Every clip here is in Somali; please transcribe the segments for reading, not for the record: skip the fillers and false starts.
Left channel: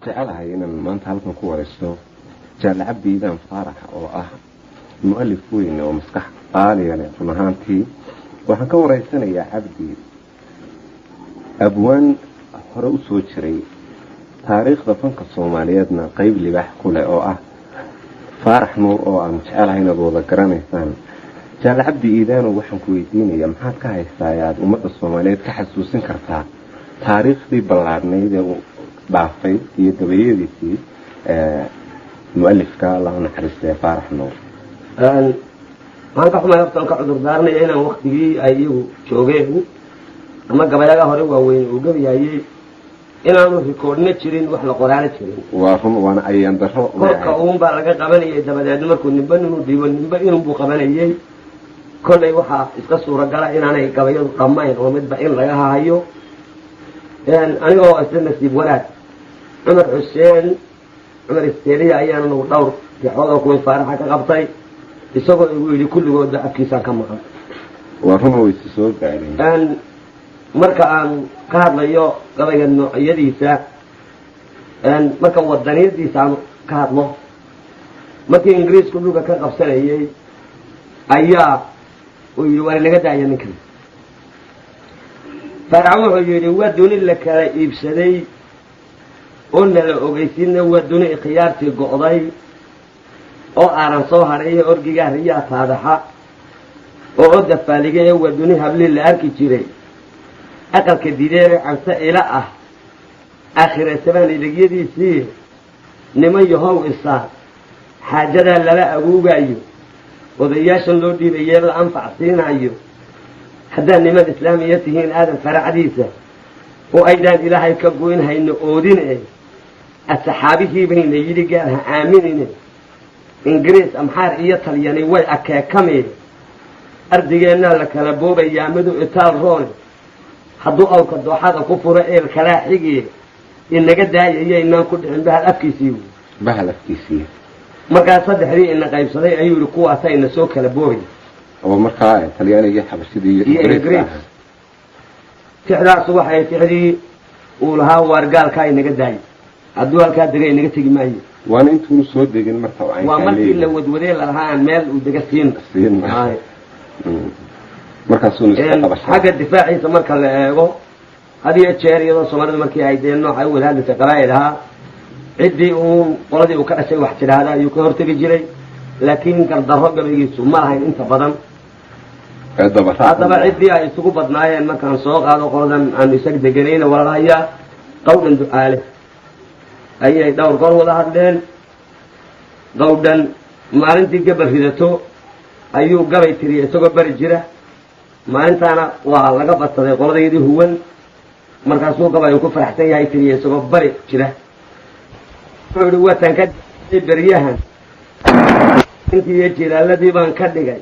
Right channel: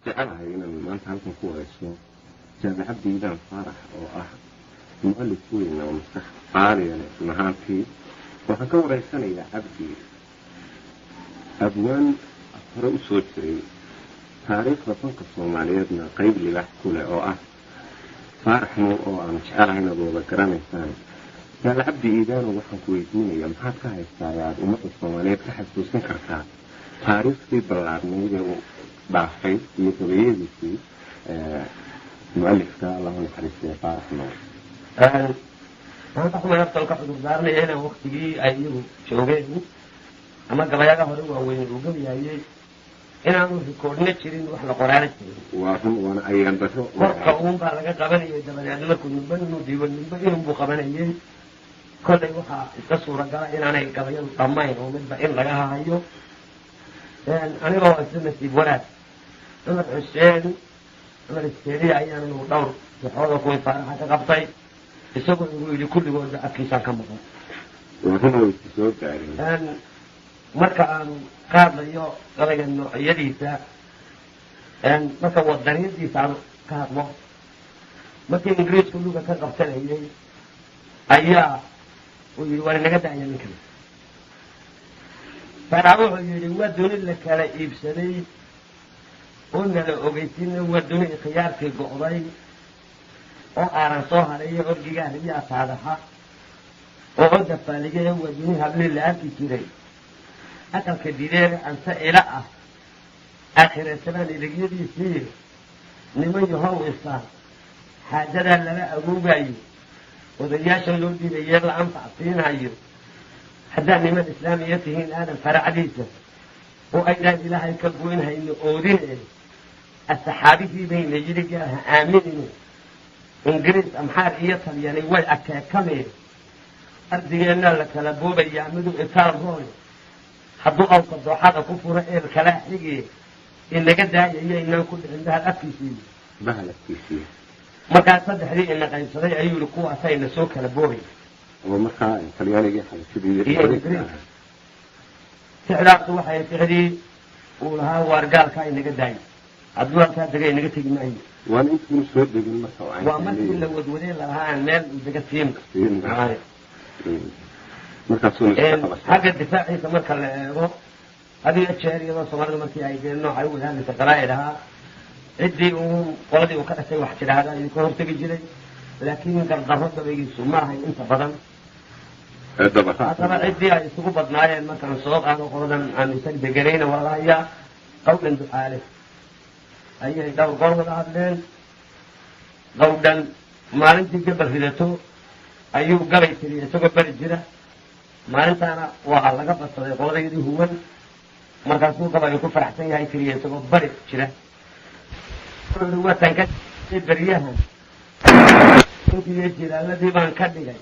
jecelahay inaan maanta halkan ku waraysto Jaale Cabdi Iidaan Faarax oo ah mu'allif weyn oo maskax qaaliya leh run ahaantii waxaan ka waraysanayaa Cabdi abwaan hore u soo jiray taariikhda fanka Soomaaliyeedna qayb libaax ku leh oo ah Faarax Nuur oo aan jecelahay inaad wada garanaysaan Jaale Cabdi Iidaan waxaan ku weydiinayaa maxaad ka haystaa aad ummadda Soomaaliyeed ka xasuusin kartaa taariikhdii ballaadhnayd ee baafay iyo dabayadiisii mu'allifka Allah naxariistay Faarax Nuur waxaan ka xumahay naftan ka cudur daarnaya inaan waqtigii ay iyagu joogeen ama gabayaga hore waaweyn uu gabayayay inaanu rikoodhna jirin wax la qoraana jirin waa run waana ayaan daro kolka uunbaa laga qabanayay dabadeed markuu nimba inuu dhiibo nimba inuu qabanayay kollay waxaa iska suuragala inaanay gabayadu dhammayn oo midba in laga hayo anigoo isla nasiib wanaag عمر حسين عمر السيرية أيام إنه دور في حوضه كوي فارحة كقبطي يسوق يقول كل جود أكيسا كم قال وهم يستسوق يعني أن مركا أن قال ليو قال إنه يديسا أن مركا ودني يديسا قال له متى إنجليز كله كقبسنا يي أيا ويقول لك ده يعني كم فرعوه يقول ودوني لك يبسدي قلنا لأوجيتنا ودوني خيارتي قضاي أو أعرف صهر إيه أرجع رياض هذا حق أو دفالجة ودوني هبل اللي أركي تري أكل كدير عن سائلة آخر السبان اللي جدي سير نما يهو الصاد حاجة لا أبوه أيو وضياش اللودي بيجر أنفع سين أيو حتى نما الإسلاميتهين آدم فرع عديسة وأيضا إلهي كبوين هاي نقودين إيه السحابي بين يجري قالها آمنين إنجليز أمحار إيطال يعني وي أكاكمي أردينا لك لبوبة يعمدوا إطار رون حضو أو كدو حاجة كفر إيه الخلاحيجي إن قد هاي إيه إنهم كنت عندها الأفكيسيو بها الأفكيسيو مركا صدح لي إن قيب صدي أيو لقوة ساين سوك لبوبة أو مركا إطالياني يحب السيدي إنجليز تحدى صباح يتحدي ولها ورقال كاي نقداي عدوها الكادرين نقتي ماي وانا انتو نسود ديجن مركا وعين ومركي لو ودوري لها مال ودقسين سين مركا سوني حاجة الدفاعي مركا لأيغو هذه الشهر يضا صمارد مركي عيدين نوع أول هذا تقرأي لها عدي وقردي وكأسي وحشر هذا يكون هرتقي جري لكن كان ضرب بيجيسو ما هاي انت فضل هذا عدي يسوق بدنايا ما كان سوق هذا قرضا عن يسق دقرين ولا هي قولا دعاله أي دور قر ولا هذين قولا ما أنت قبل فيدتو أيو قبل تري يسوق برجرة ما أنت أنا والله قبل تري قرضا يدي هو مركز سوق قبل يكون فرحتي هاي تري يسوق برجرة فهو تنكد بريها أنت يجي الذي بان كدقاي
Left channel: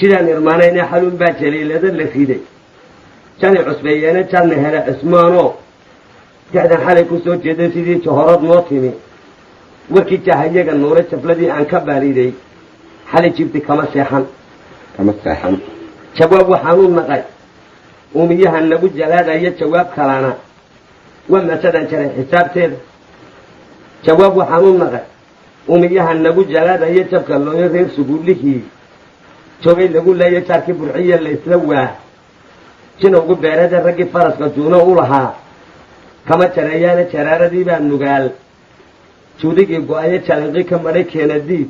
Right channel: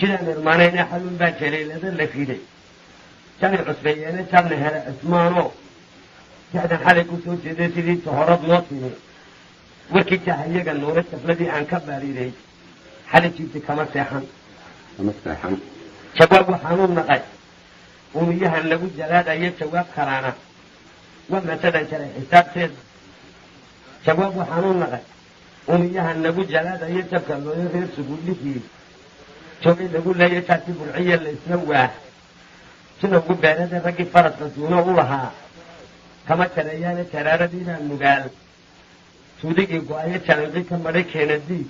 كذا نرمانين حلول باجلي لذا اللي في دي كان عصبيين كان هلا اسمانو كذا حالي كسو جدي سيدي شهرات موطني وكي تهيج النور السفلدي عن كباري دي حالي جبت كما سيحن شباب وحنون نقاي وميها النبو الجلاد أي شباب كرانا وما سدن شري حساب تير شباب وحنون نقاي وميها النبو الجلاد أي شباب كالله يغير سقول لكي شوقي لقول لا يشارك برعية اللي يسلوها شنو قول بارد الرقي فرس قدونه ولها كما تريانا شرارة دي بأنه قال شو ديك يقول آية شارقي كم بريك هنا دي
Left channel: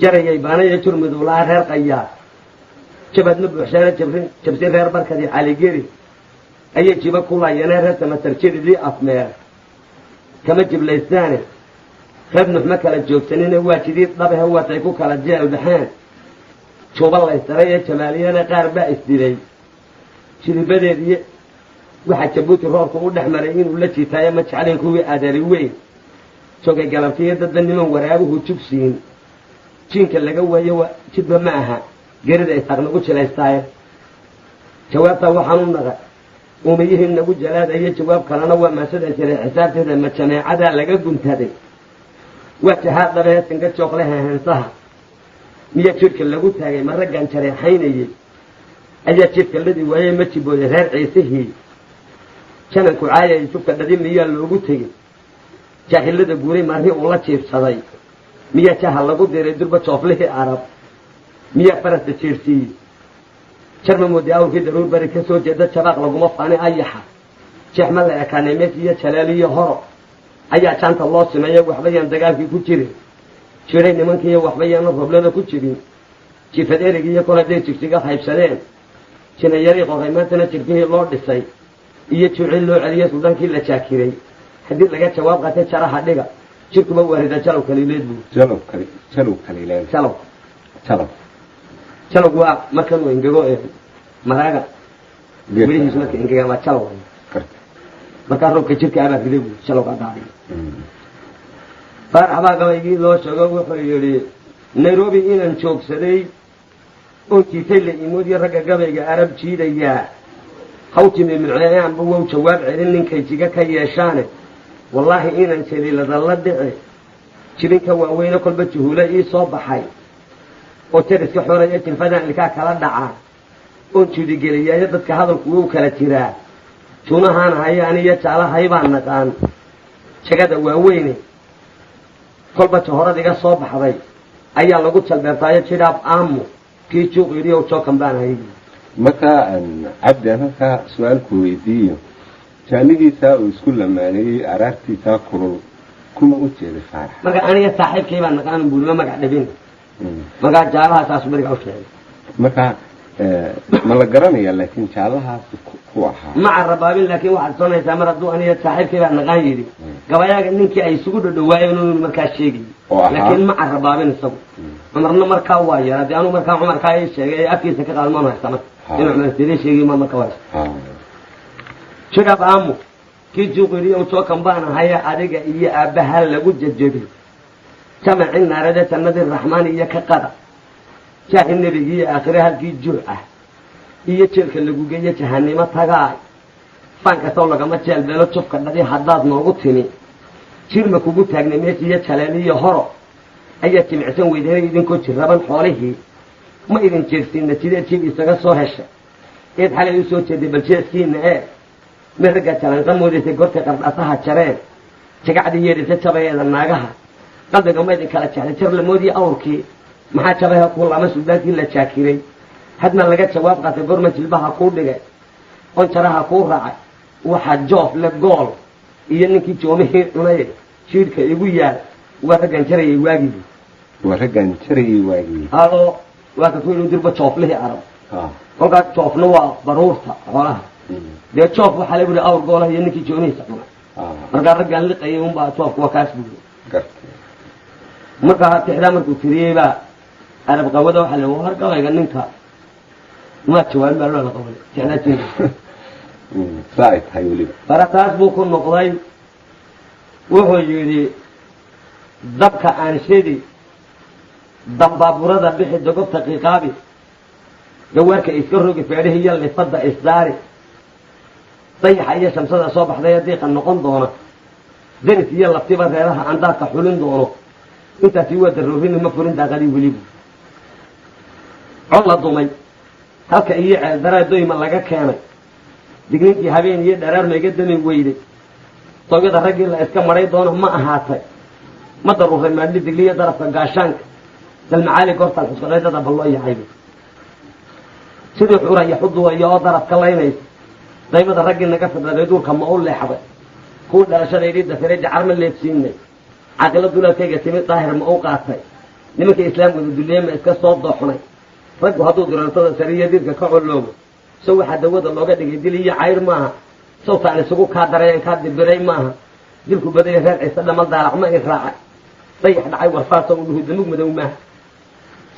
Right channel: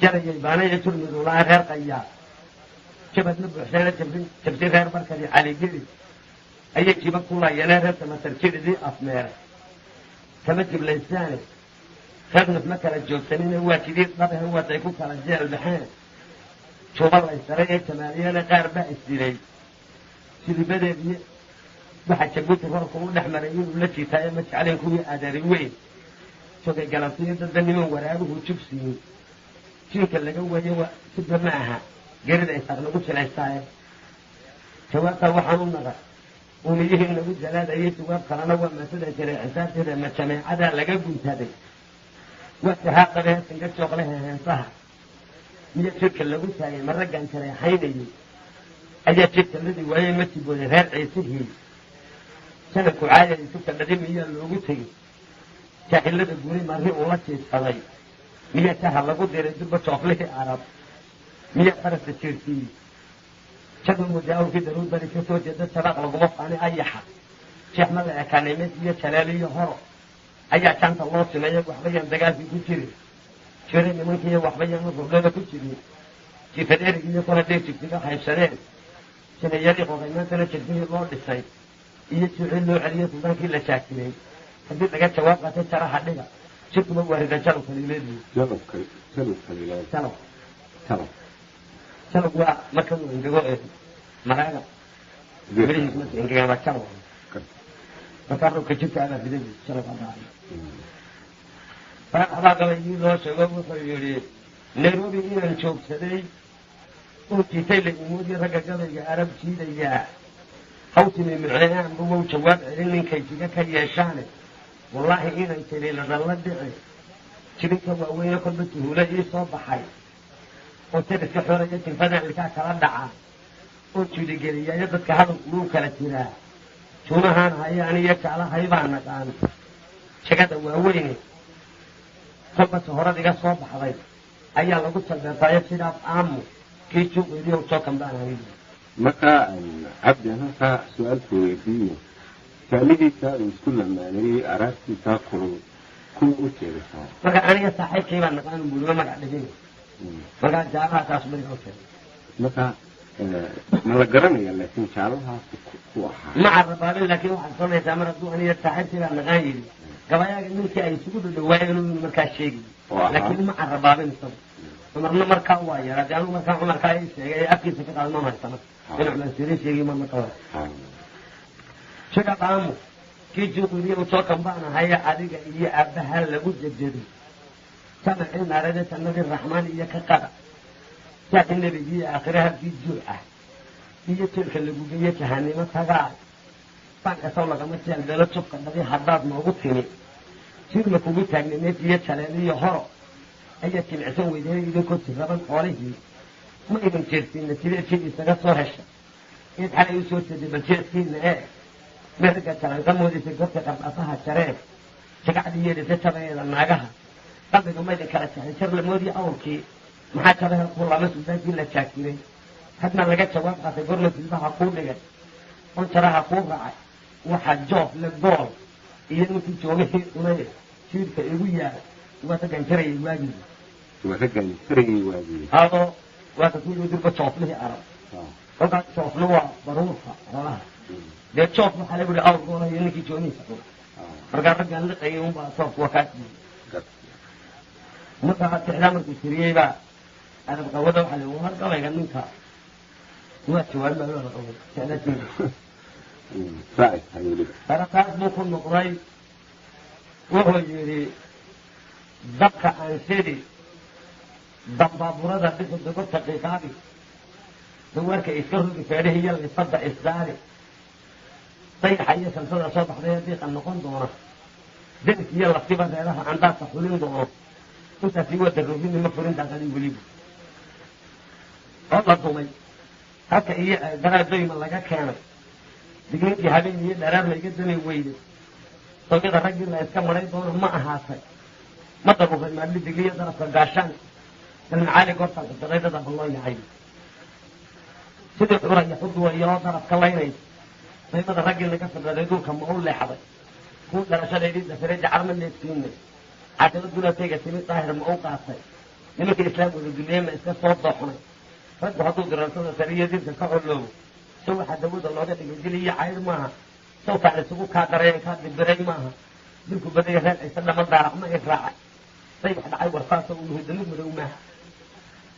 جرى يبانا يشور مدولها غير قيا شبت نبو حسانا شبسين غير بركة دي علي جيري أي جيبا كولا ينهر تمثل شيري دي أفمير كما جيب ليساني خبنا في مكة الجوكسنين هو كديد طبعا هو تيكوك على الجيل البحان شوف الله يستريح شماليانا قاربا استيري شلي بدأ واحد شبوت الروح وقول حمرين ولا شيء تايا ما تشعلين كوي أدري وين شوكي قلبتي ضد النمو ورابه وتشوفسين شين كلا جوا يوا شبه معها جرد يستغنى قلت لا يستاير شواب وحنون نغا وميهن نبو جلاد أي شواب كلانا وما سد شري حساب هذا ما تسمع عدا لقى قمت هذا wajahaa dabeesinka jooqleha heensaha miya jidhka lagu taagay ma raggan jareexaynayey ayaa jidhka ladii waayey ma jibooday reer ciisihii jananku caayay sugta dhadi miyaa loogu tegey jaahilada guuray marri uu la jiibsaday miyaa jaha lagu diray durba jooflihii arab miyaa farasta jeersiiyey jarma mooday awrkii daruur bari ka soo jeeda jabaaq laguma faani ayaxa jeexma la ekaanay mees iyo jalaaliyo horo ayaa jaanta loo simeeya waxba yaan dagaalkii ku jirin jiray nimankiiyo waxba yaana roblada ku jirin jifad erigiiyo kol hadday jigjiga qaybsadeen jinayarii qoray maantana jirkihii loo dhisay iyo juucii loo celiyey suldaankii la jaakiray haddii laga jawaab qaatay jaraha dhiga jirkuba waarida jalow kaliileed buu jalowgu waa markanuu ingego maraaga midhihiis marka ingegama jalow markaa roobka jirka abaa riday buu jalowga daadiya faarax baa gabaygii loo sheego wuxuu yidhi nairobi inaan joogsaday oo jiitay la imoodiyo ragga gabayga arab jiidayaa hawtimi muceeyaanba wow jawaab celin ninkay jiga ka yeeshaane wallaahi inaan jaliiladalla dhici jibinka waaweyne kolba juhuula ii soo baxay oo jariska xoraya jinfadan ilkaa kala dhacaa oon juudigeliyaayo dadka hadalku wuu kala jiraa juunahaan haya aniyo jaalahay baa naqaan jagada waaweyne kolba jahorad iga soo baxday ayaa lagu jalbeertaayo jidhaab aamu kii juuq yidhiyow jookan baan haydi marka cabdi aan halkaa su-aalku weydiiyo jaalidiisaa uu isku lamaaneeyey araartiisaa kulul kuma u jeeda saarax marka aniga saaxiibkii baa naqaan buulima magac dhabin markaa jaalahaasaasu beriga u sheegay marka ma la garanaya laakiin jaalahaas ku ahaa ma carabaabin laakiin waxaad soonaysaa mar hadduu aniga saaxiibkii baa naqaan yidhi gabayaaga ninkii ay isugu dhodhowaayeen inuu markaa sheegay laakiin ma carabaabin isagu cumarna markaa waa yara dee anuu markaa cumarkaa ii sheegay ee afkiisa ka qaalmoon haysta marka inuu cumar sidii sheegay ma marka haysta jidhaab aamu kii juuqiriyo jookan baan ahaya adiga iyo aabbaha lagu jajabay jamacii naarade jannadii raxmaan iyo ka qada jaahi nebigi iyo aakhire halkii juuc ah iyo jeelka lagu geeyo jahanimo tagaay faan kastoo lagama jeelbeelo jubka dhadi haddaad noogu timi jirma kugu taagnay mees iyo jaleeliyo horo ayaa jimicsan weydeeray idinkoo jirraban xoolihii ma idin jeersiinna jideed jid isaga soo hesha eed xalay u soo jeeday bal jeedkiinna ma raggaa jalanqa moodaysay goortay qardhasaha jareen jagacdii yeedhisa jabayeeda naagaha qalbiga ma idin kala jexday jar lamoodii awrkii maxaa jabaha kuu lama suldaankii la jaakiray hadna laga jawaab qaatay gorma jilbaha kuu dhigay on jaraha kuu raacay waxaa joof le gool iyo ninkii joomihii cunay jiidhka igu yaal waa raggan jarayay waagii adoo waa ka ku inuu dirba jooflihii arab kolkaas joofna waa baruurta xoolaha dee joof waxaa lagu yihi awr goolaha iyo ninkii joomihiisa cunay markaa raggaan liqayay unbaa joofku waa kaas buuri markaa tixdaa markuu tiriyey baa arab qawada waxaa la war gabayga ninka maa jawaabin baa loola qabay tixdaa tiri farataas buu ku noqday wuxuu yidhi dabka aan shidi dambaaburada bixi dogobta qiiqaabi gawaarka iska rogi feedhihi iyo lifadda isdaari dayaxa iyo shamsada soo baxdaya diiqa noqon doona denis iyo laftiba reeraha andaadka xulin doono intaasi waa daroorini ma furin daaqadii welibu cod la dumay halka iyo ceeldaraa doyma laga keenay digniintii habeen iyo dharaar layga dami weyday toogyada raggii la iska maray doono ma ahaatay ma daruuray maadli digliyo darafka gaashaanka dalmacaali goortaan xusqadaydada bal loo yahayba sidii xura iyo xuduwaya oo darafka laynaysa daymada raggii naga fidhaday duurka ma u leexday kuwii dhalashadaydii dafiray dacar ma leebsiinay caaqilo dulalkayga timid daahir ma u qaatay nimanka islaamkooda duliye ma iska soo dooxnay raggu hadduu durantada sariyo dirka ka coloobo saw waxaa dawada looga dhigay dil iyo cayr maaha sawtaan isugu kaa dareen kaa dibiray maaha dilku badaya reer ciise dhamal daalac ma i raacay dayax dhacay warfaasa u dhuhu damug madow maaha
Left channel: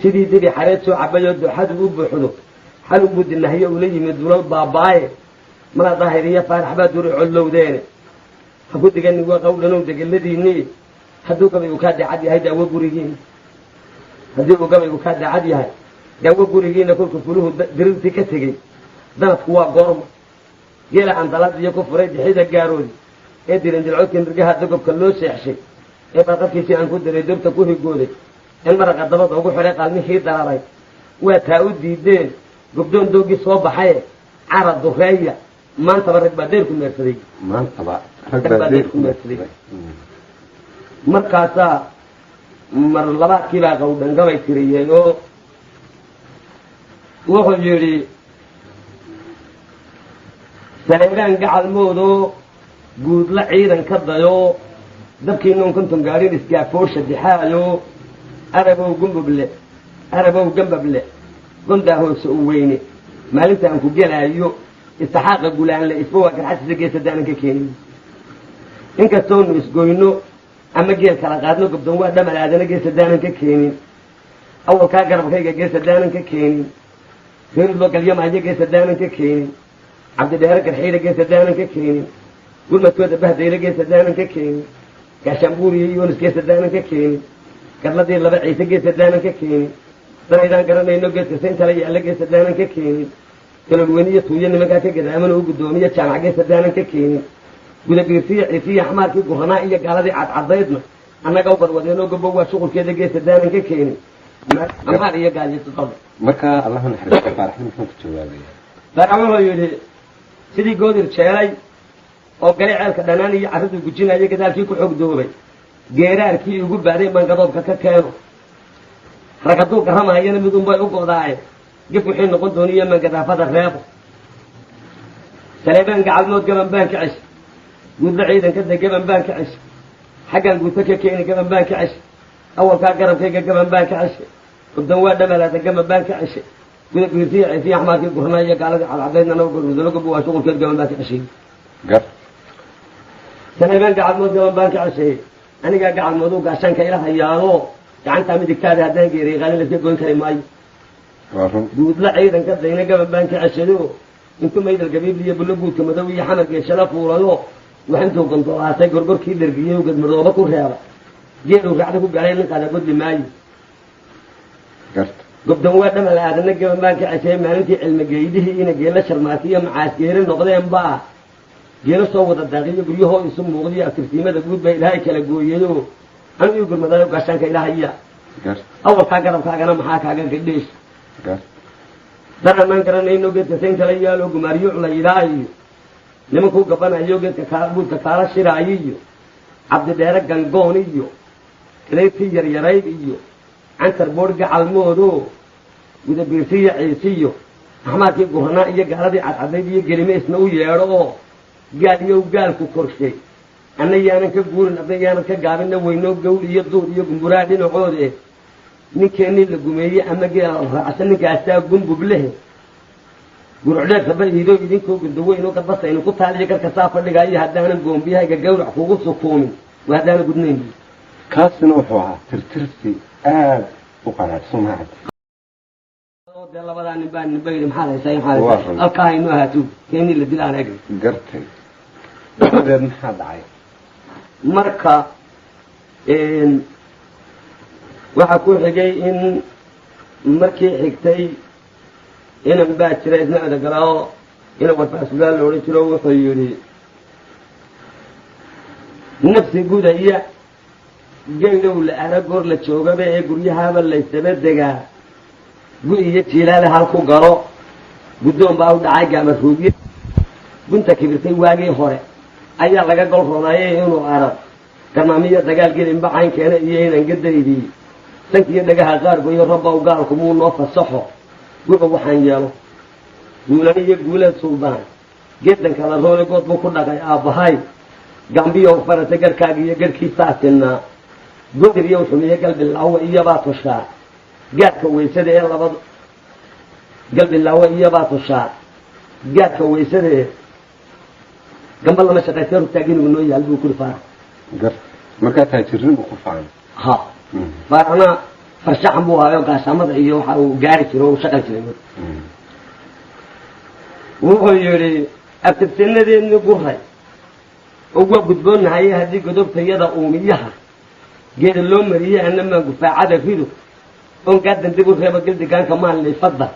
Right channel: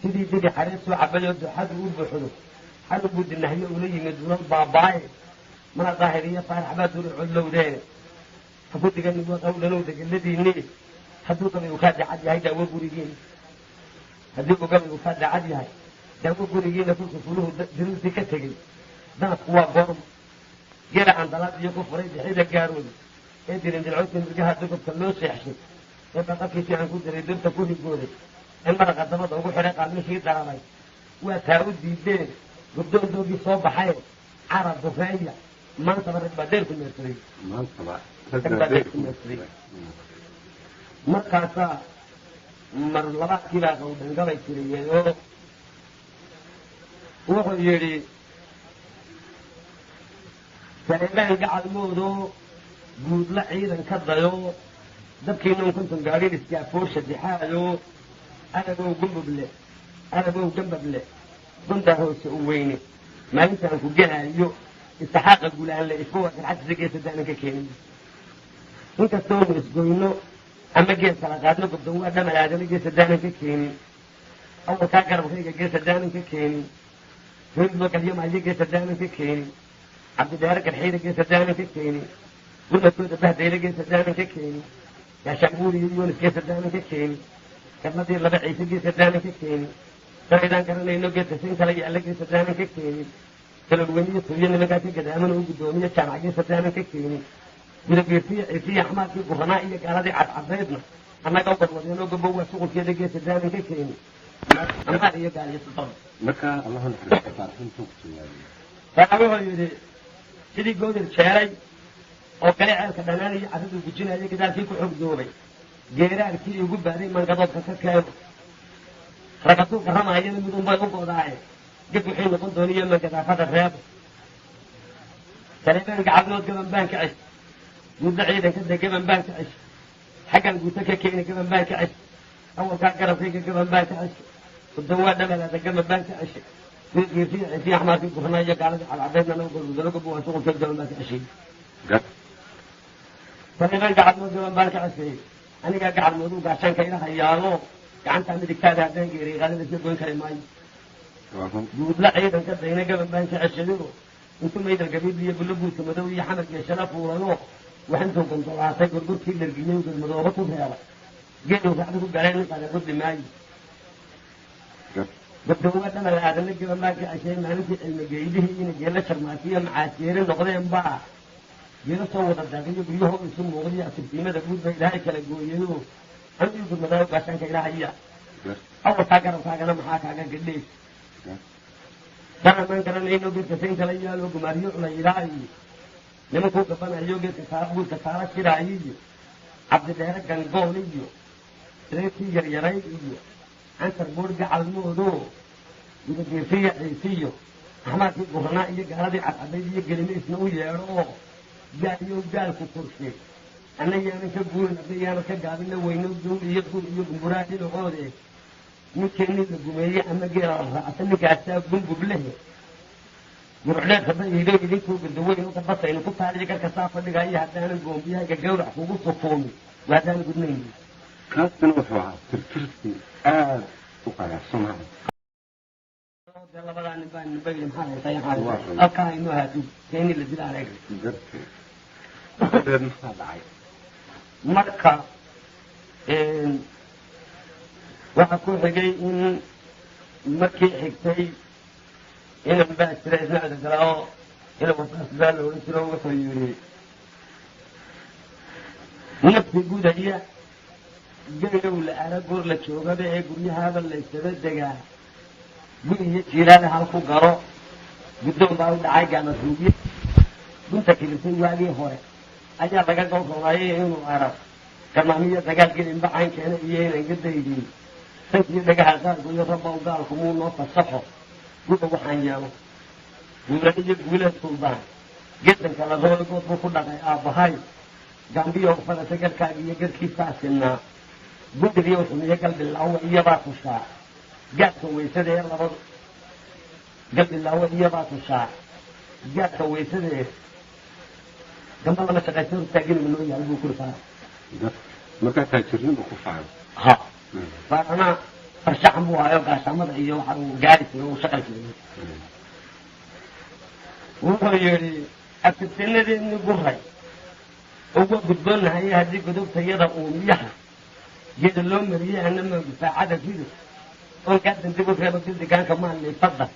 sidii dibi xareed soo cabayoo dooxadu u buuxdo xal unbuu dinahiyo ula yimid dulal baabaaye mana daahir iyo faarax baa duri collowdeene ha ku digani waa qawdhanow degeladiinii hadduu gabaygu kaa daacad yahay daawo gurigiina haddii uu gabaygu kaa daacad yahay daawo gurigiina kolku fuluhu dirirtii ka tegey danadku waa goorma geela andalad iyo ku furay dixida gaaroodi ee dirinjilcodka nirgaha dagobka loo seexshay ee barqadkiisii aan ku diray dabta ku higooday in maraqa dabada ugu xidhay qaalmihii dararay waa taa u diideen gobdoon doogii soo baxaye cara dureeya maantaba rag baa dheer ku meersaday markaasaa mar labaadkii baa qawdhangabay tiriyeen oo wuxuu yidhi saleegaan gacalmoodoo guudla ciidan ka dayo dabkii noon konton gaadhin isgaafoosha dixaayo arabow gambable gondaa hoose u weyne maalintaan ku gelaayo istixaaqa gulaanle isba waa garxadsiisa geesadaanan ka keenin inkastoonu isgoyno ama geel kala qaadno gobdoon waa dhamalaadana geesadaanan ka keenin awalkaa garabkayga geesadaanan ka keenin reerid loo galyamaayo geesadaanan ka keenin cabdidheere garxiida geesadaanan ka keenin gurmadkooda bahdayla geesadaanan ka keenin gaashaanbuuriyo yoonis geesadaanan ka keenin gadladii laba ciise geesadaanan ka keenin daraydaan garanayno geedka sayntala yaalla geesadaanan ka keenin talolweyniyo tuuyo nimankaa ka gadaamana u guddoomiyo jaamac geesadaanan ka keenin gudabiirtiyo ciisiyo xmaarkii guranaa iyo gaaladii cadcadaydna annaga u garwadeenoo gobow waa shuqulkeeda geesadaanan ka keenin amaar iyo gaaliyosodada markaa allaha naxariisto faaraxin muxuu ku jawaabaya faarax wuxuu yidhi sidii goodir jeelay oo gale ceelka dhanaan iyo carraduu gujinaya gadaalkii ku xogdoobay geeraarkii igu baaday mangadoobka ka keeno rag hadduu garamaayana midunbay u godaaye gif wixii noqon dooniyo mangadaafada reebo saleebaan gacalmood gaban baan ka cesh guudla ciidanka de gaban baan ka cesh xaggan guuto ka keeni gaban baan ka cesh awalkaa garabkayga gaban baan ka ceshe gobdoon waa dhamalaada gaban baan ka ceshe gudabiirtiyo ciisiyo axmaarkii gurnaa iyo gaaladii cadcadaydna naga gorudalo gobo waa shuqulkeed gaban baan ka ceshay saleebaan gacalmood gaban baan ka ceshay anigaa gacalmood u gaashaanka ila hayaano gacantaa midigtaada haddaan geeray qaalin laska goyn kari maayo guudla ciidanka dayna gaban baan ka ceshado intuu maydal gabiibliyo bullo guudka madow iyo xamar geeshada fuulayo wax intuu gondolaasay gorgorkii dhergiyo gadmadooba ku reeba geeluu raacda ku galay ninkaada godli maayo gobdoon waa dhamal aadana gaban baan ka ceshay maalintii cilmigeydihii ina geela sharmaatiyo macaasgeere noqdeen baa geelo soo wada daaqiyo guryahoo isu muuqdiyo aftirtiimada guud baa ilaahay kala gooyayo anu ii gurmadaayo gaashaanka ilahaya awalkaa garabkaagana maxaa kaaga gadheesh daramaan garanayno geedka sayntala yaalo gumaaryo layidhaa iyo nimankuu gabanayo geedka buudka kaala shiraayo iyo cabdidheere gangoon iyo leyrtii yaryarayd iyo cantar boodh gacalmoodo gudabiirtiyo ciisiyo axmaarkii guranaa iyo gaaladii cadcadayd iyo gelime isna u yeedho oo gaal iyow gaalku korshay anna yaanan ka guurin adna yaanan ka gaabinna weyno gawl iyo duur iyo gumburaa dhinacoode ninkeennii la gumeeyey ama geela raacsan ninkaasaa gumbub lehe gurucdheerka baiido idinkoo gudaweyno gadbasaynu ku taaliyo garka saa fadhigaayo haddaanan goombiyahayga gawrac kugu sukuumin waa haddaana gudnayn kaasina wuxuu ahaa tirtirsi aad u qanaacsan mahad dee labadaa nin baa ninba yidhi maxaad haysaa halkaa haynu ahaatu keennii la dila aan egay gartay dabadeed maxaa dhacay marka waxaa ku xigay in markii xigtay inan baa jira isna odagalao inan warfaasbaa la odhan jiro wuxuu yidhi nafsi gudaya geydow la ara goor la joogaba ee guryahaaba laysaba degaa gu iyo jiilaale halku garo guddoon baa u dhacay gaamaruugye gunta kibirtay waagii hore ayaa laga gol rodaayay inuu arag garmaamiyo dagaal gelinba caynkeena iyo inan gadaydii sankiiyo dhagaha qaargoyo rabbow gaalku muu noo fasaxo guba waxaan yeelo guulan iyo guulad suldaan geedanka la roole good buu ku dhaqay aabbahay gambiyow farata garhkaaga iyo garhkiisaa sinnaa godiryow xumiyo galbilaawe iyobaa tushaa gaadka weysada ee labad galbilaawe iyobaa tushaa gaadka weysada ee gamba lama shaqaystee rugtaaginugu noo yaal buu kuri faarax markaa taajirnibu ku facan ha faaraxna farshaxan buu hayo gaashaamada iyo waxa uu gaari jiro o u shaqan jiray wuxuu yidhi abtirtinadeedni guray oo waa gudboonahaye haddii godobtayada uumiyaha geeda loo mariyey anamaa gufaacada rido oon gaadan dib u reebo gildigaanka maalliifadda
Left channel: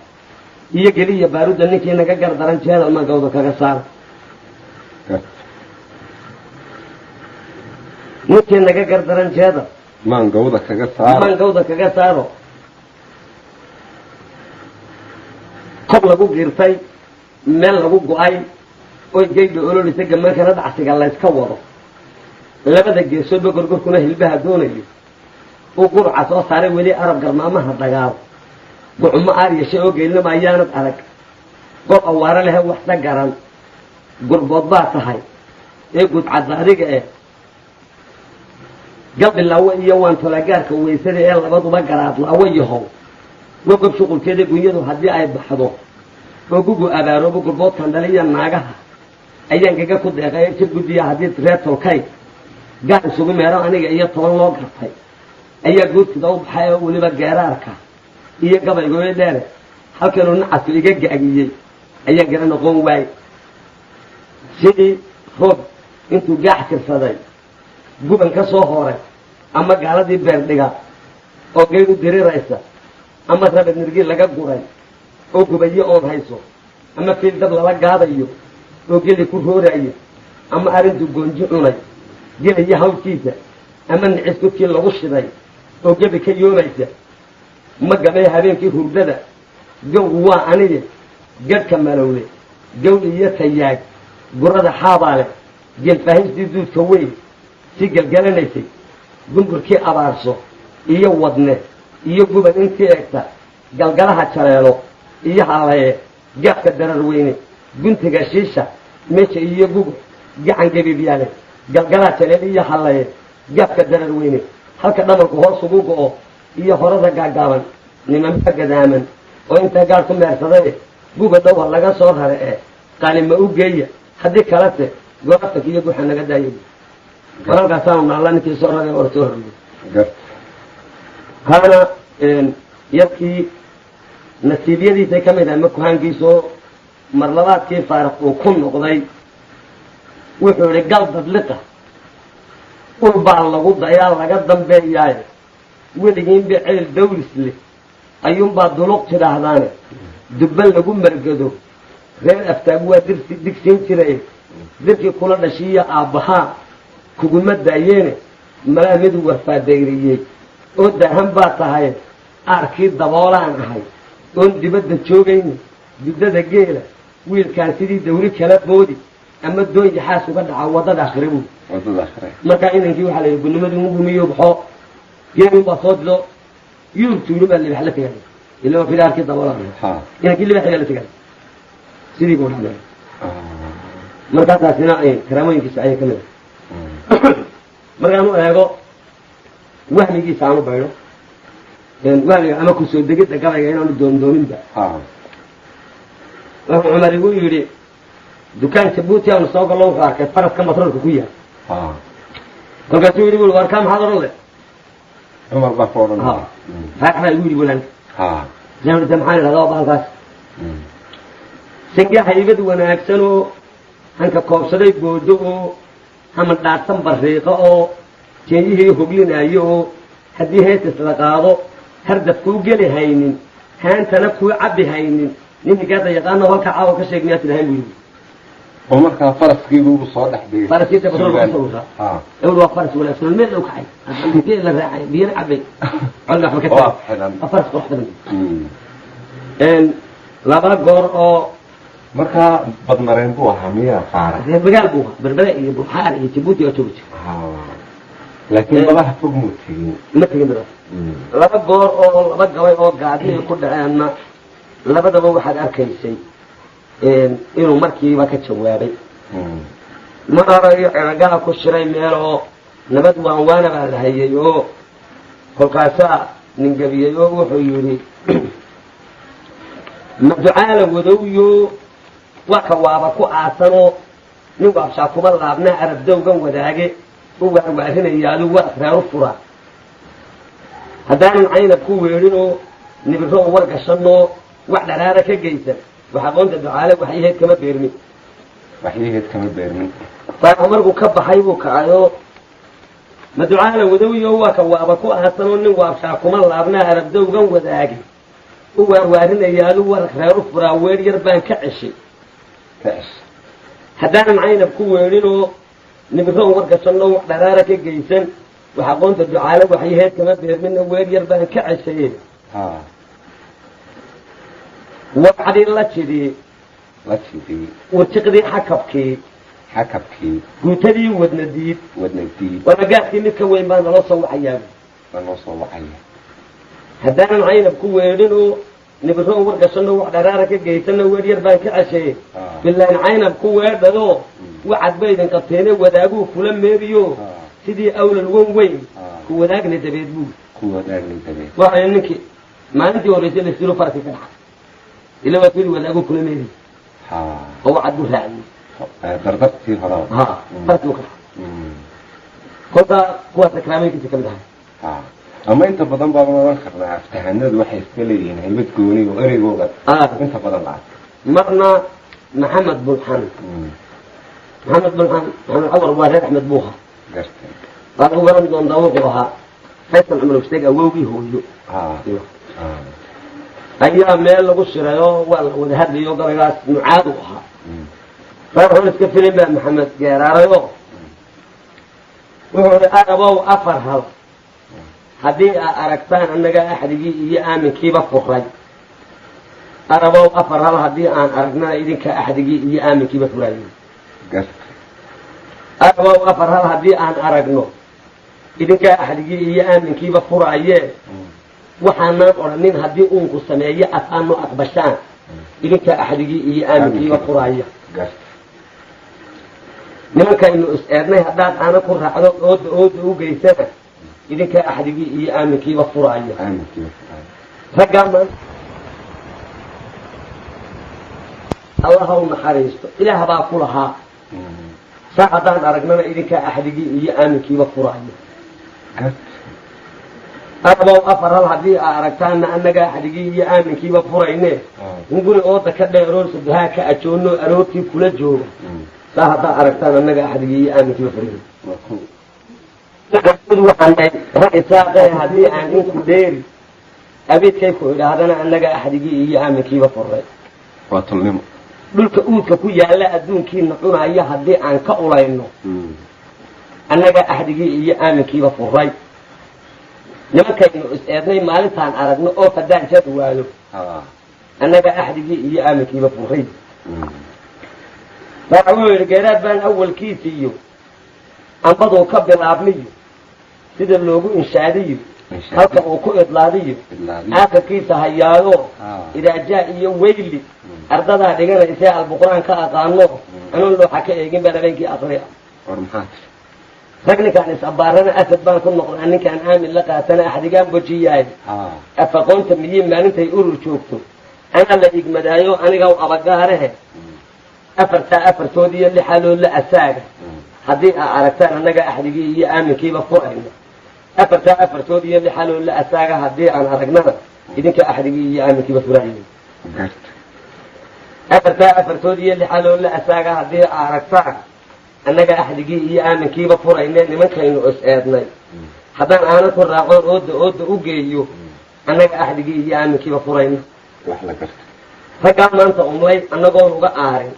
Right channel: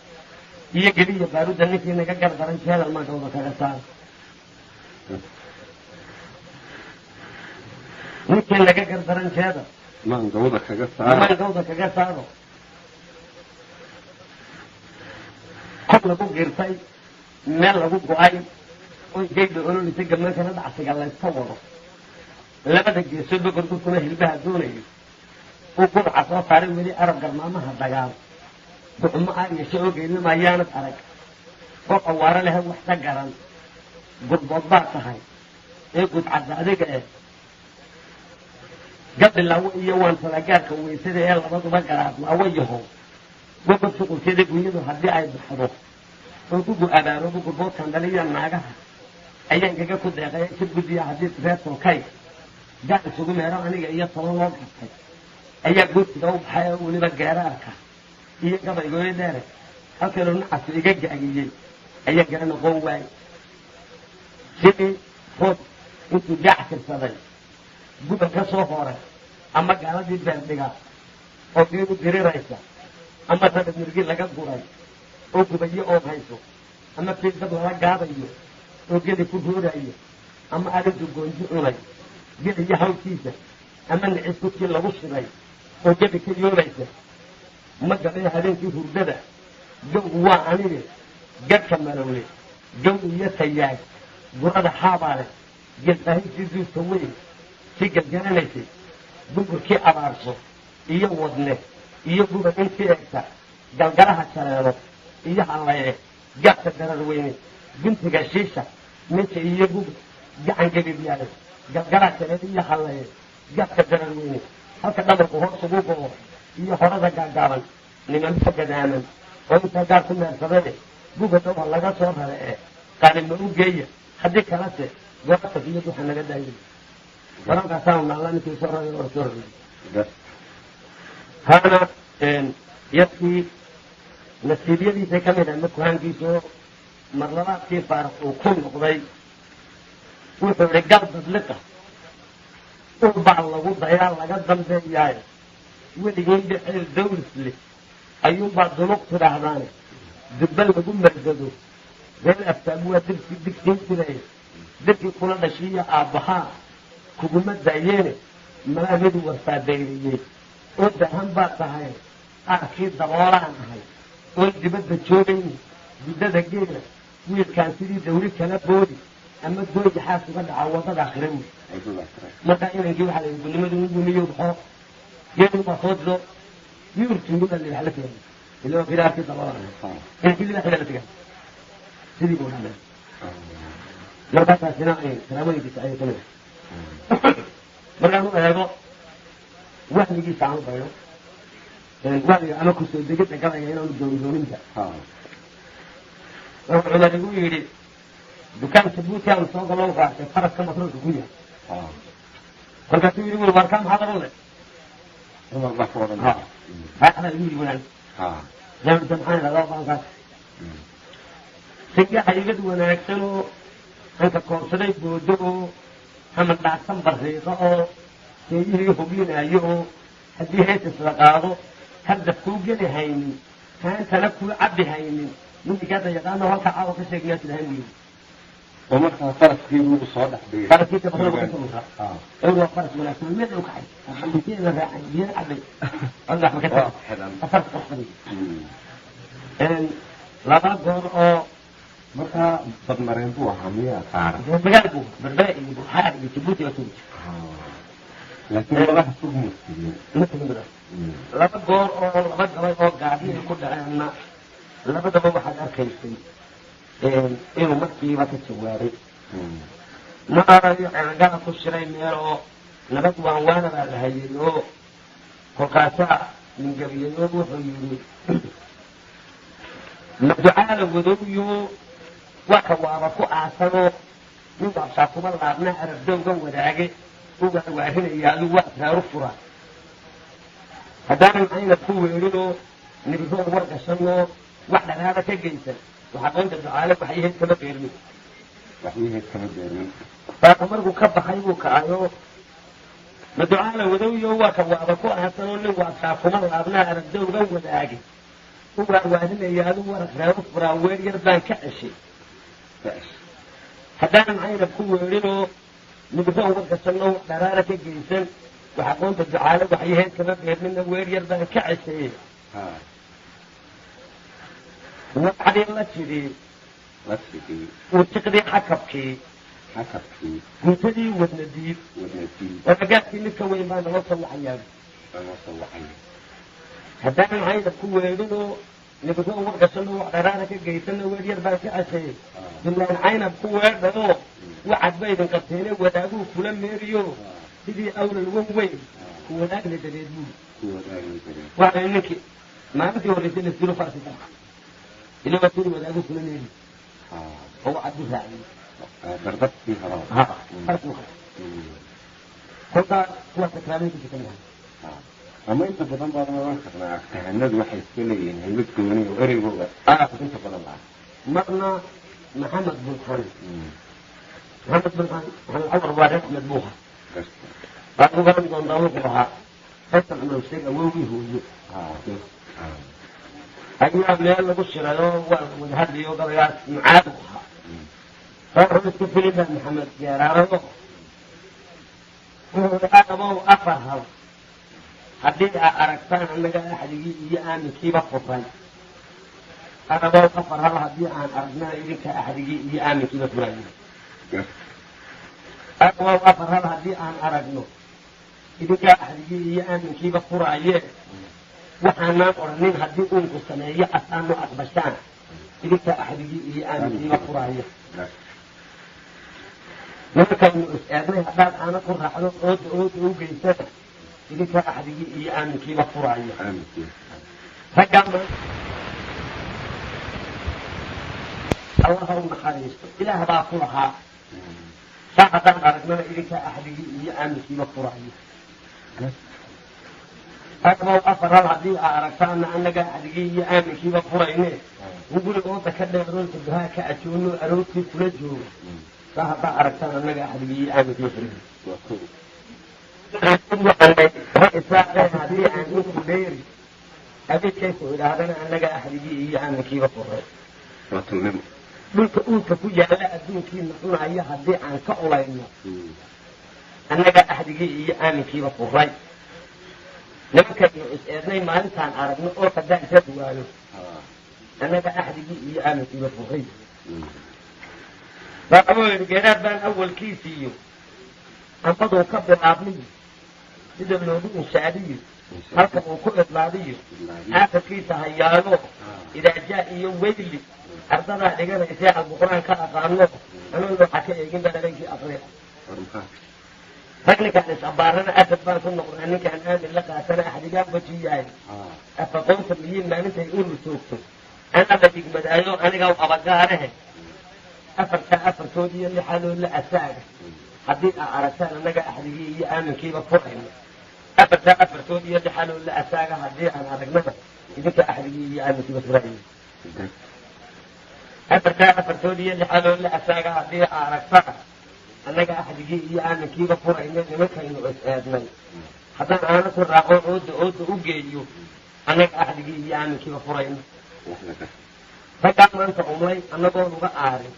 iyo geliya baarudda ninkii naga gar daran jeedal magawda kaga saara ninkii laga gardaran jeeda maangawda kaga saaro maangawda kaga saaro kor lagu giirtay meel lagu go-ay oy geydha ololisa gamaankana dhacsiga layska wado labada geesoodba gorgorkuna hilbaha doonayo uu gurca soo saaray weli arab garmaamaha dagaal gucumo aaryasha oo geelnama ayaanad adag gol awaaro lehe waxsa garan gurbood baa tahay ee gudcadda adiga gabdhilaawo iyo waan talagaarka weysada ee labaduba garaad laawo yahow wagob shuqulkeeda gunyadu haddii ay baxdo oo gugu abaaroobo gurboodkan dhaliya naagaha ayaan gaga ku deeqay jir guddiya haddii reer tolkay gaar isugu meero aniga iyo 10 loo gartay ayaa guurtida u baxay oo weliba geeraarka iyo gabaygooyo dheere halkanuu nacasku iga gaagiyey ayaan gara noqon waayey sidii roob intuu gaax tirsaday guban ka soo horay ama gaaladii beerdhiga oo geyd u diriraysa ama rabad nirgii laga guray oo gubayo oon hayso ama fiil dab lala gaadayo oo geli ku roorayo ama arrintuu goonji cunay gelayo hawlkiisa ama nicis kudkii lagu shiday oo gebi ka yoomaysa ma gabay habeenkii hurdada gowgu waa aniye gadhka malowle gow iyo tayaag gurada xaabaale geelfaahistii duudka weyn si gelgelanaysay gungurkii abaarso iyo wadne iyo guban intii egta galgalaha jaleelo iyo hallaye gaabka darar weyne guntiga shiisha meesha iyo guga gacan gebibyaale galgalaha jaleelo iyo hallaye gaabka darar weyne halka dhamalku hoos ugu go'o iyo horada gaagaaban nimanka gadaaman oo intaa gaar ku meersaday guga dhowha laga soo rare qaalima u geeya haddii kalese gooraftak iyo guxa naga daayay walaalkaasaanu naalla ninkii soo ragay or soo hormay haana yadkii nasiibyadiisay ka mid ahay makuhaankiisoo marlabaadkii faaraq uu ku noqday wuxuu idhi gal dadliqa ul baa lagu dayaa laga dambeeyaaye weligiinba ceel dawlis leh ayuunbaa dunuq tidhaahdaane dubba lagu margado reer aftaab waa digsiin jiray dirkii kula dhashiiya aabbahaa kuguma daayeene malaa mid warfaadeyriyey oo daahan baa tahay aarkii daboolaan ahay oon dibadda joogayni duddada geela wiilkaan sidii dawli kala boodi ama doon yaxaas uga dhaca waddada akhire buy markaa inankii waxaa la yidhi gudnimadii u gumiyo baxoo geelin baa soo dido yuur tuulu baa libax la tegay ilama kida aarkii daboolaan inankii libaxigaa la tegay sidii buu dhacday markaasaasina karaamooyinkiisa ayay ka mid ah markaan u eego wahmigiisa aan u baydho wahmiga ama kusoo degidda gabayga inaanu doondoominba wuxuu cumar igu yidhi dukaan jabuuti aanu soo gallo wuxuu arkay faraska matroolka ku yaal kolkaasuu yidhi war kaa maxaad odhan le cumar baa ka odhan raaxbaa igu yidhi walaan jaamida maxaan idhahdaa bahalkaas sangaa haybad wanaagsan oo hanka koobsaday boodo oo haman dhaadsan bariiqo oo jeeyihii hoglinaayo oo haddii heesis la qaado hardaf kuu geli haynin haantana kuu cabbi haynin ninikaada yaqaano halka caawa ka sheeg miyaa tidhahayn buu yidhi oo markaa faraskiibuu soo dhex dhigay faraskiisa batroolka kusoo wuraa ewr waa faras wanaagsan meel dhow kacay biyo la raacay biyana cabbay walna waxba ka tahay waa faras qurux badan laba goor oo markaa badmareen buu ahaa miyaa qaara reer magaal buu ahaa berbere iyo buxaar iyo jabuuti oo joogi jira laakiin badaha fog muu tegin ma tegin badaha laba goor oo laba gabay oo gaadhiya ku dhaceenna labadaba waxaad arkaysay inuu markiiba ka jawaabay ma arayo ceragaha ku shiray meel oo nabad waanwaana baa la hayay oo kolkaasaa ningabiyey oo wuxuu yidhi maducaala wadowyo waka waaba ku aasanoo nin waabshaa kuba laabnaa arabdowgan wadaage u waarwaarinaya adigu waa asraaru furaa haddaanan caynab ku weedhinoo nibiro u wargashanoo wax dharaara ka geysan wax aqoonta ducaale waxyaheed kama beermin faarku markuu ka baxay buu kacayoo maducaala wadowyo waka waaba ku aasanoo nin waabshaa kuma laabnaa arabdowgan wadaage u waarwaarinaya adigu war reeru furaa weer yar baan ka ceshay haddaanan caynab ku weedhinoo nibiro wargashanno wax dharaara ka geysan wax aqoonta ducaale waxyaheed kama beermina weer yar baan ka ceshaye waqcadii la jidii watiqdii xakabkii guutadii wadnadiid waragaadkii mid ka weyn baa naloo soo wacayaa haddaanan caynab ku weedhinoo nibiro wargashanno wax dharaara ka geysanno weer yar baan ka ceshaye bilaan caynab ku weedhanoo wacad baydin qabteene wadaaguu kula meeriyo sidii awlal wan weyn ku wadaagna dabeed buu waxay ninkii maalintii horreysay la siro farki ka dhaca ila waa sidii wadaaguu kula meeriyo oo wacad buu raaciyey dardartii hore farki ka dhaca kolkaa kuwaas akraamooyinkiisa ka mid ahay ama inta badan baaban oran karnaa aftahanadu waxay iska leeyihiin haybad gooni oo ereygooda inta badan la marna maxamed bulxan maxamed cumar waa reer axmed buuha baad u garan doontaa wuxuu ahaa faysal cumar usteeg awowgii hooyo ayaa meel lagu shirayoo waa la wada hadlayo gabaygaas mucaad u ahaa reer iska filin baa maxamed geeraarayoo wuxuu hi arabow afar hal haddii aa aragtaan annaga axdigii iyo aaminkiiba furay arabow afar hal haddii aan aragnana idinka axdigii iyo aaminkiiba furaye arabow afar hal haddii aan aragno idinkaa axdigii iyo aaminkiiba furaaye waxaanaan odhanin haddii uunku sameeyo afaano aqbashaan idinkaa axdigii iyo aaminkiiba furaaya nimankaynu is eednay haddaad aana ku raacdo ooda u geysana idinkaa axdigii iyo aaminkiiba furaaya raggaa allah ha u naxariisto ilaah baa ku lahaa saa haddaan aragnana idinkaa axdigii iyo aaminkiiba furaaya arabow afar hal haddii aa aragtaana annagaa axdigii iyo aaminkiiba furayne in guri ooda ka dheeroon saduhaa ka ajoonno aroortii kula jooga saa haddaa aragtaan annagaa axdigii iyo aaminkiiba furaye rag isaaqee haddii aan inku dheeri abiidkay ku idhaahdana annagaa axdigii iyo aaminkiiba furay waa tulnimo dhulka uudka ku yaalla adduunkiina cunaya haddii aan ka ulayno annagaa axdigii iyo aaminkiiba furay nimankaynu is eednay maalintaan aragno oo haddaan jari waayo annagaa axdigii iyo aaminkiiba furay wuxuu yidhi geeraad baan awalkiisiiyo ambaduu ka bilaabniyo sida loogu inshaadiyo halka uu ku idlaadiyo aakhirkiisa hayaayo idaajaa iyo weyli ardadaa dhiganaysee albuqraan ka aqaano anuun looxa ka eegin baan habeenkii aqriya rag ninkaan is-abbaarana asad baan ku noqdaa ninkaan aamin la qaatana axdigaan bojiyahay afaqoonta miyiin maalintay urur joogto ana la igmadaayo aniga abagaarehe afartaa afartood iyo lixaloo la asaaga haddii aa aragtaan annaga axdigii iyo aaminkiiba furayno afartaa afartood iyo lixaloo la asaaga haddii aan aragnana idinka axdigii iyo aaminkiiba furayo afartaa afartood iyo lixaloo la asaaga haddii aa aragtaan annaga axdigii iyo aaminkiiba furayne nimankaynu is eednay haddaan aana ku raacoon ooda u geeyo annaga axdigii iyo aaminkiiba furayno raggaa maanta umlay annagoon uga aarin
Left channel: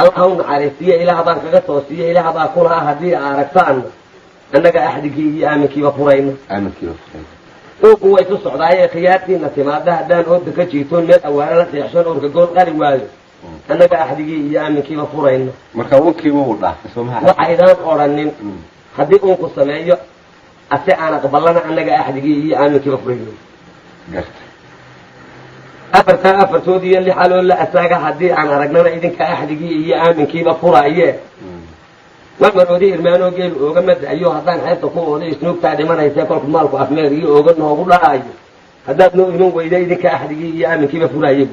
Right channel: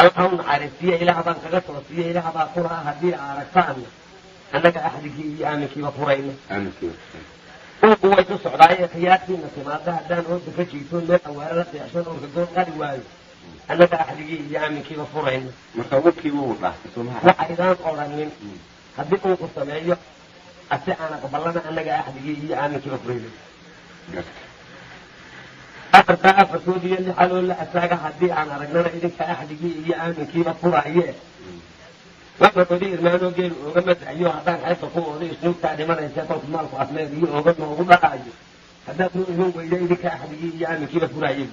allah u naxariistiye ilaah baan kaga toosiye ilaah baa ku lahaa haddii aa aragtaanna annaga axdigii iyo aaminkiiba furayno uurku way isu socdaayee khiyaartiina timaada haddaan ooda ka jiitoon meel awaare la seexshoon oorka gool qari waayo annaga axdigii iyo aaminkiiba furayno marka unkiiba uu dhaafay soomaha waxaydaan odhanin haddii uunku sameeyo ase aan aqbalana annaga axdigii iyo aaminkiiba furayno afartaa afartood iyo lixaloo la asaaga haddii aan aragnana idinka axdigii iyo aaminkiiba furaaye marmaroodi irmaanoo geelu ooga madaayo haddaan xeebta ku ooday isnuugtaa dhimanaysee kolku maalku afmeer iyo ooga noogu dhaayo haddaad noo iman weyda idinka axdigii iyo aaminkiiba furaaye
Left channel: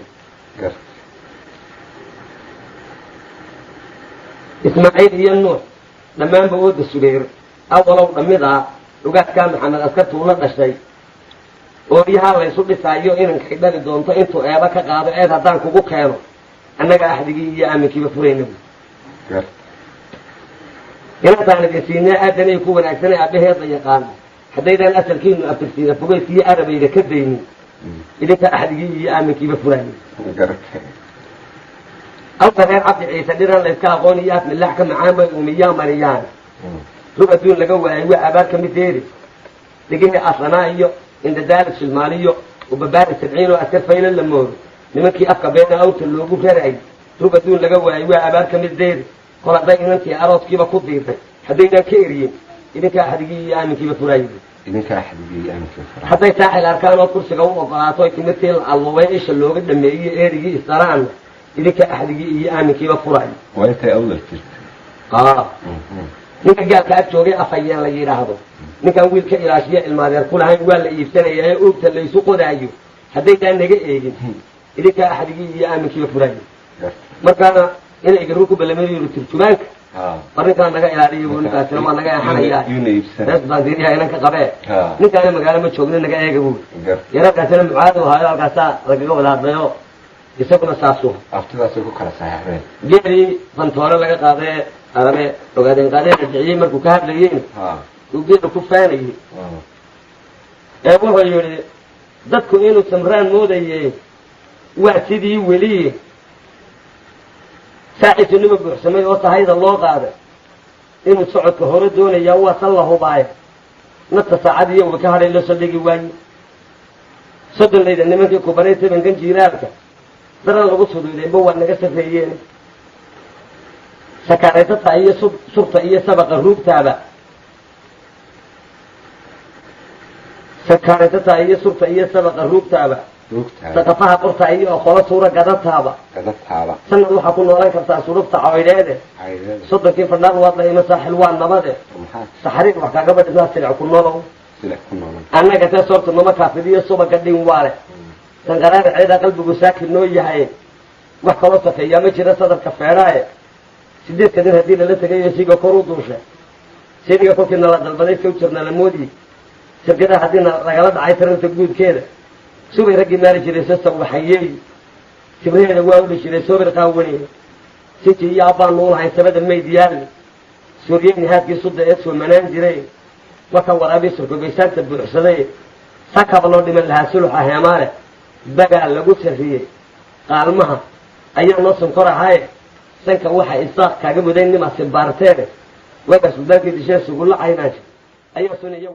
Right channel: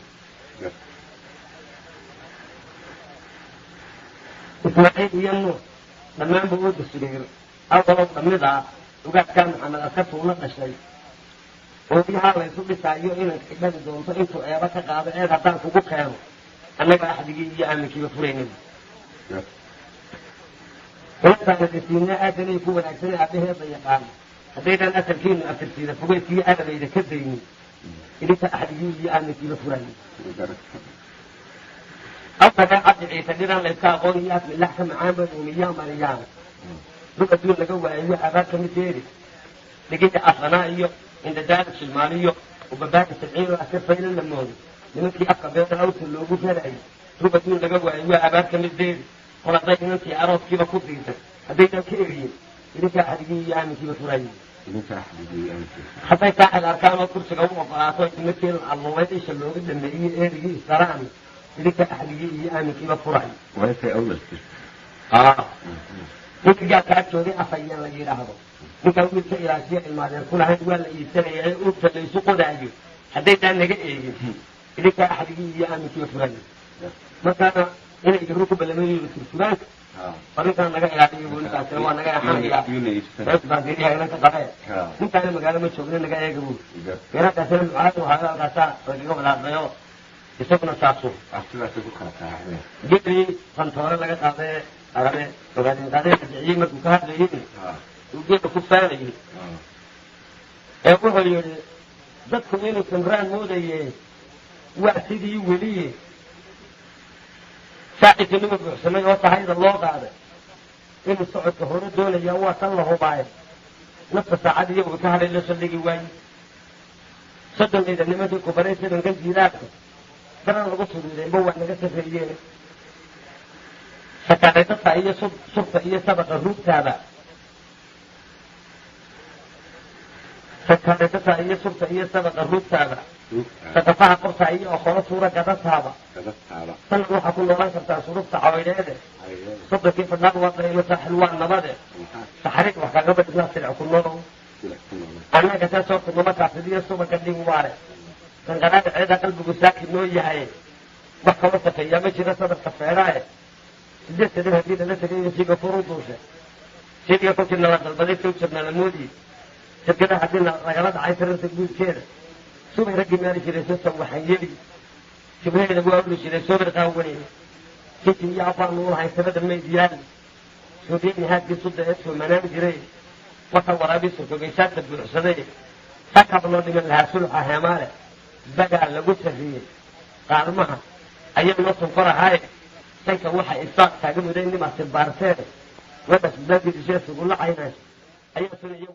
ismaaciil iyo nuux dhammaanba ooda sugeer awalow dhammidaa ugaadkaa maxamed askartuula dhashay ooryahaa laysu dhisaayo inankay dhali doonto intuu eeba ka qaado eed haddaan kugu keeno annaga axdigii iyo aaminkiiba furayna inantaan idinsiinaa aadanay ku wanaagsanay aabbaheedla yaqaano haddaydaan asalkiinu abtirsiina fogaysiyo arabayda ka daynin idinka axdigii iyo aaminkiiba furaaye أفضل عبد عيسى ديران ليسكا أغونيات من اللحكة معامل أمية مريان ربع دون لقوة أيوة أباك مديري لقيني أصلنا إيو عند دارس المالية وببارس 70 وأسكر فيلا للمور لمنكي أفكا بين أوت اللوغو فرعي ربع دون لقوة أيوة أباك مديري قال ضاين أنتي أروس كيف كديرتك حدينا كيريين إذنك أحدقي آمن كيف فرايد إذنك أحدقي آمن كيف فرايد حتى يتاحي الأركان والكرسي قوم وقراتوي كمثل اللوائش اللوغو دمئي إيريجي إستران إذنك أحدقي آمن كيف فرايد وأنت أول كيف ninka gaalka ag joogay afayeen la yidhaahdo ninkan wiilka ilaashiya ilmaadeer kulahayn waa la iibsanaya ee oogta laysu qodaayo haddaydaan naga eegin idinkaa axdigii iyo aaminkiiba furaayo markaana inay garu ku ballamada yidhi turjumaanka arrinkaa naga ilaaliya buu ninkaasina waa naga eexanayaa rees baan diiriyaa inanka qabee ninkaana magaalo ma joogna naga eega buu yararkaasina mucaadu ahaayo halkaasaa lagaga wada hadlayo isaguna saasuu aftidaasay ku kala saxeexdeen geelii fantoore laga qaadee arabe ogaadeen qaadeen rajiciyey markuu ka hadlayeen uu geelu ku faanayay ee wuxuu yidhi dadku inuu samraan moodaye waa sidii weliye saaciitinima buuxsamay oo sahayda loo qaaday inuu socodka hore doonayaa waa tan la hubaaye nafta saacad iyo uba ka hadhay la saldhigi waaye soddonlayda nimankii kubanay tabankan jiiraalka daran lagu suduudayba waa naga safeeyeen sakaaraytata iyo surta iyo sabaqa ruugtaaba sakaaraytata iyo surta iyo sabaqa ruugtaaba saqafaha qorta iyo oqolo suura gadataaba sanad waxaa ku noolan kartaa surufta caydheede soddonkii fadhaaq waad la ima saaxil waa nabade saxariir wax kaga badhisaa silic ku nolow annaga tee soorta nama kaafidiyo subaga dhin waale sanqaraada ceeda qalbigu saakin noo yahay wax kaloo safeeyaa ma jira sadarka feeraaye 8 kadib haddii lala tegayo siga kor u duusha sidiga kolkiina la dalbaday soo jirna la moodiyey shirkada haddiina lagala dhacay taranta guudkeeda subay raggii maali jiray sasa waxayeey sibraheeda waa uli jiray soobir qaawani sinti iyo abbaan nuul hayn sabada mayd yaali suuriyeyni haadkii sudda ee soo manaan jiray marka waraabii surkogaysaanta buuxsaday sakaba loo dhiman lahaa suluxa heemaale bagaa lagu sarriyey qaalmaha ayaa noo sonkor ahaaye sanka waxa isaaq kaaga muday nimaasi baarteene waga suldaankii dishee sugulla caynaansha ayaa sunaya